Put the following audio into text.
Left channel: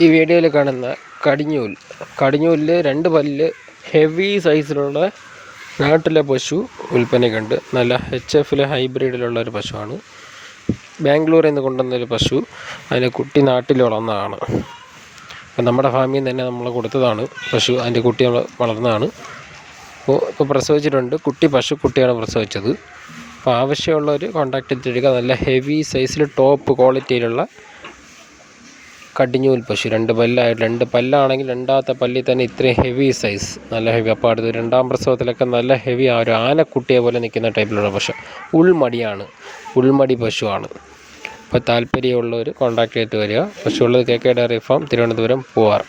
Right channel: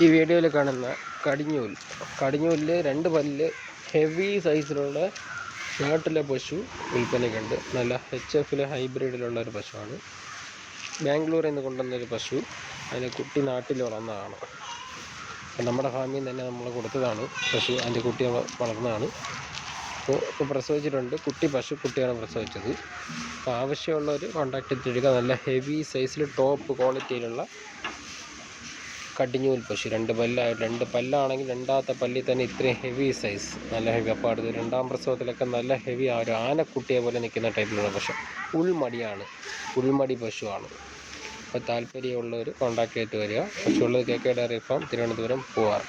ഈ വീഡിയോയിൽ കാണുന്ന കടിഞ്ഞൂൽ. കടിഞ്ഞൂലിൽ രണ്ട് പല്ല് ഹെവി സൈസിലുള്ള നാട്ടിലെ പശു വിൽപ്പനയ്ക്കുണ്ട്. നല്ല എച്ച് എഫിലെ ഹൈബ്രിഡിലുള്ള ഒരു പശുവാണ്. ബാംഗ്ലൂരിൽ നിന്ന് കൊണ്ടുവന്നൊരു പശു. അതിന്റെ കുട്ടി നാട്ടിൽ വളർന്നതാണ്. അപ്പം നമ്മുടെ ഫാമിൽ നിന്ന് തന്നെ നമ്മൾ കൊടുത്തതാണ്. പശു അതിന്റെ കുട്ടി വളർന്നതാണ്. അപ്പോൾ ഇപ്പോൾ പ്രസവിച്ചിട്ടുണ്ട്. കുട്ടി പശു കുട്ടിയാണ് പ്രസവിച്ചത്. അപ്പോൾ ആവശ്യമുള്ളവർ കോൺടാക്ട് ചെയ്തിരിക്കുക നല്ല ഹെവി സൈസിൽ ടോപ്പ് ക്വാളിറ്റിയിലുള്ള കടിഞ്ഞൂൽ പശു. രണ്ട് പല്ലായിട്ട് രണ്ട് പല്ലാണെങ്കിൽ രണ്ടാമത്തെ പല്ലിൽ തന്നെ ഇത്രയും ഹെവി സൈസ് നല്ല ഹെവി അപ്പോൾ അടുത്ത് രണ്ടാം പ്രസവത്തിലൊക്കെ നല്ല ഹെവി ആ ഒരു ആനക്കുട്ടിയെ പോലെ നിൽക്കുന്ന ടൈപ്പിലുള്ള പശു. ഉൾമടിയാണ്. ഉൾമടി പശുവാണ്. അപ്പോൾ താല്പര്യമുള്ളവർ കോൺടാക്ട് ചെയ്തിട്ട് വരിക. പശുവുള്ളത് K K dairy farm Thiruvananthapuram Poovar